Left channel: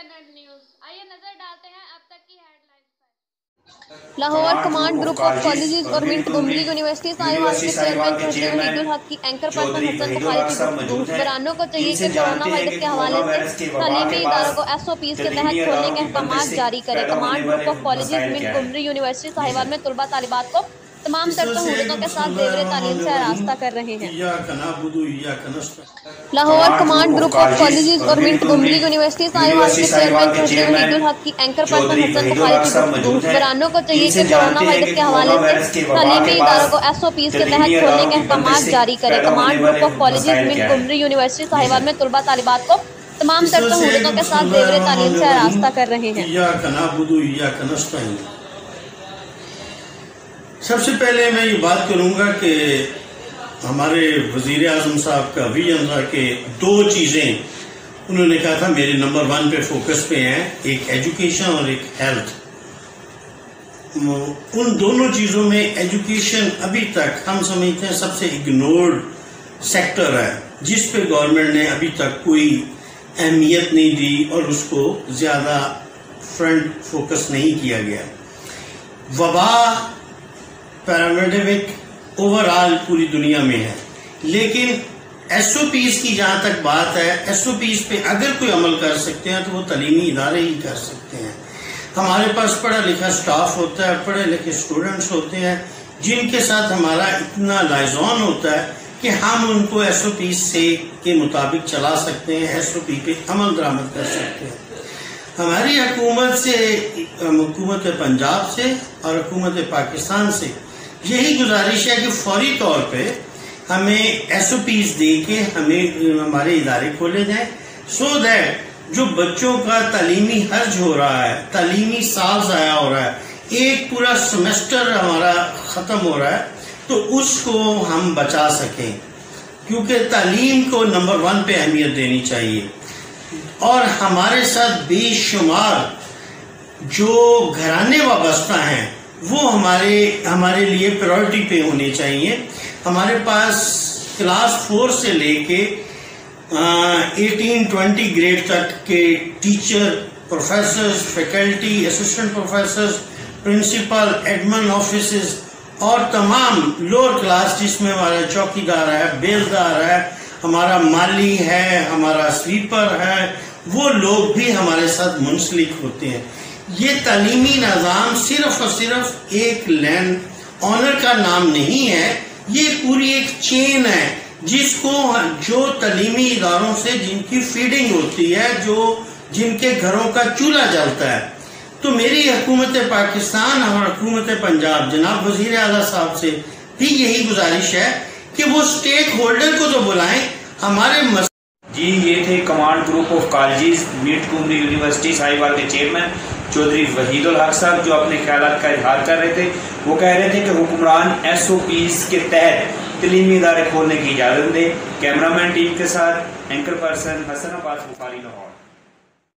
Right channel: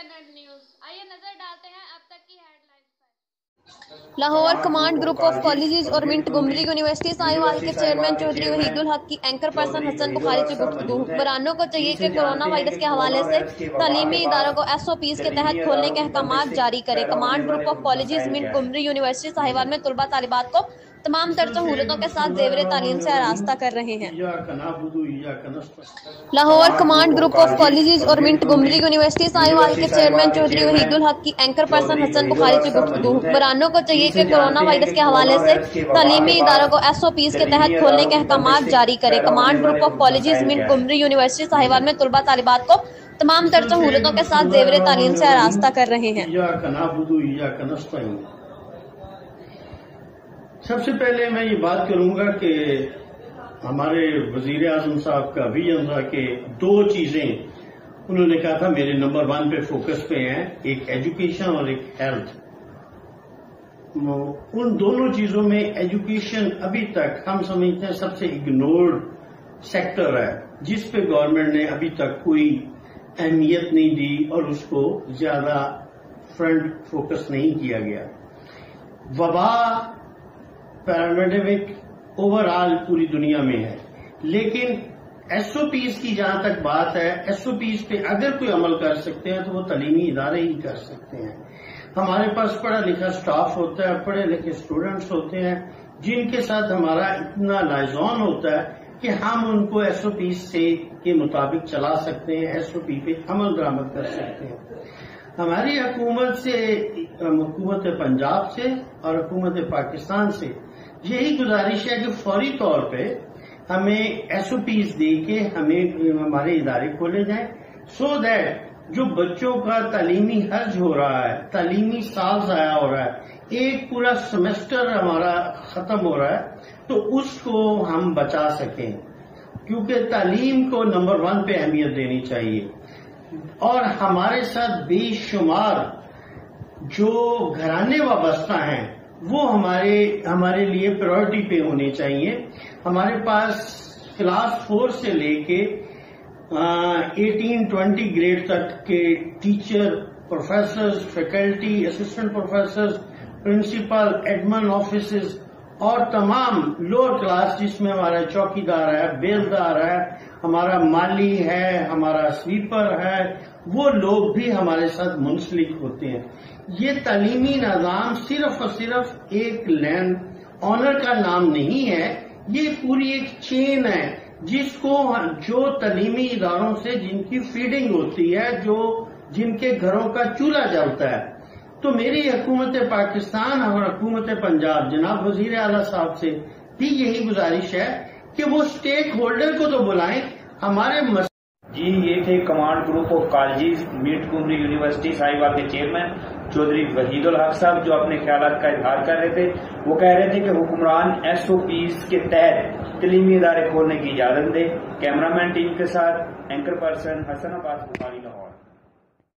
Standard news, आइए नजर डालते हैं अब तक की हेडलाइंस पर। Lahore command group of colleges और मिंट घुमरी यूनिवर्सिटी साहिवाल के चेयरमैन चौधरी वहीदुल हक की एंकर पर्सन हसन बुखारी की गुफ्तगू। हुक्मरानों को चाहिए कि कोरोना वायरस के हवाले से तालीमी इदारों को SOPs के तहत खोलने के अहकामात जारी करे। कमांड ग्रुप ऑफ कॉलेजेस मिंट घुमरी यूनिवर्सिटी साहिवाल में तलबा तालिबात को तमाम तर सहूलतों के साथ ज़ेवर तालीम से आरास्ता कर रहे हैं। Lahore command group of colleges और मिंट घुमरी यूनिवर्सिटी साहिवाल के चेयरमैन चौधरी वहीदुल हक की एंकर पर्सन हसन बुखारी की गुफ्तगू। हुक्मरानों को चाहिए कि कोरोना वायरस के हवाले से तालीमी इदारों को SOPs के तहत खोलने के अहकामात जारी करे। कमांड ग्रुप ऑफ कॉलेजेस मिंट घुमरी यूनिवर्सिटी साहिवाल में तलबा तालिबात को तमाम तर सहूलतों के साथ ज़ेवर तालीम से आरास्ता कर रहे हैं। सबसे पहले मैं ये बात करूंगा कि हमारे वजीर आजम साहब का विजन था कि दो चीजें उन्होंने कहा था मेरे नंबर 1 पे फोकस पे हैं, एक एजुकेशन और एक हेल्थ। उन दोनों चीजों में एजुकेशन अभी तक हम समझते हैं सबसे इग्नोर्ड सेक्टर है, जिस पे गवर्नमेंट ने अभी तक कोई अहमियत नहीं दी और उसको ज्यादा फ्रंट फोकस नहीं किया गया। वबा पैरामेडेमिक ओवरऑल पूरी दुनिया में है, लेकिन SOPs की जहां तक बात है, SOPs पे अगर कोई अमल कर सकते हैं तो वो तालीमी इदारे ही कर सकते हैं। हमारे पास पढ़ा लिखा स्टाफ होता है, पढ़े लिखे स्टूडेंट्स होते हैं, जिनके साथ हमारा इतना लाइजॉन होता है कि हम उनको SOPs से के मुताबिक चला सकते हैं, SOP पे अमल दरामद कर सकते हैं। हमारी हुकूमत पंजाब से और हुकूमत पाकिस्तान से यही गुजारिश है कि फौरी तौर पे हमें SOPs दे के हमें हमारे इदारे खोले जाए, सो दैट जो बच्चों का तालीमी हर्ज हो रहा है, तालीमी साल ज़ाया हो रहा है, एक पूरा सेमेस्टर हमारा खत्म हो रहा है, तो उसको हम बचा सकें, क्योंकि तालीम को नंबर 1 पे अहमियत देनी चाहिए। और हमारे साथ बेशुमार जो घराने वाबस्ता हैं वो हमारे लिए प्रायोरिटी पे होने चाहिए। हमारे पास क्लास 4 से लेके 18-20 ग्रेड तक के teacher, professors, faculty, assistant professors, principal, admin officers और तमाम लोअर क्लास जिसमें हमारा चौकीदार है, बेलदार है, हमारा माली है, हमारा स्वीपर है, वो लोग भी हमारे साथ मुंसलिक होते हैं। ये तालीमी निज़ाम सिर्फ और सिर्फ एक लैंड ऑनर का नाम नहीं है, ये पूरी एक चेन है जिसको जो तालीमी इदारों से जिनकी फीडिंग होती है, जिनके घरों का चूल्हा जलता है। तो मेरी हुकूमत पाकिस्तान और हुकूमत पंजाब जनाब वजीर आला साहब से भी यही गुजारिश है कि वो स्टेक होल्डर को तो बुलाएं। हमारे जी ये थे कमांड ग्रुप ऑफ कॉलेजेस मिंट घुमरी यूनिवर्सिटी साहिवाल के चेयरमैन चौधरी वहीदुल हक साहब, जो अपने ख्यालात का इजहार कर रहे थे। वो कह रहे थे कि हुक्मरान SOPs के तहत तालीमी इदारे खोलने की इजाज़त दें। कैमरामैन टीम के साथ एंकर पर्सन हसन अब्बास बुखारी लाहौर।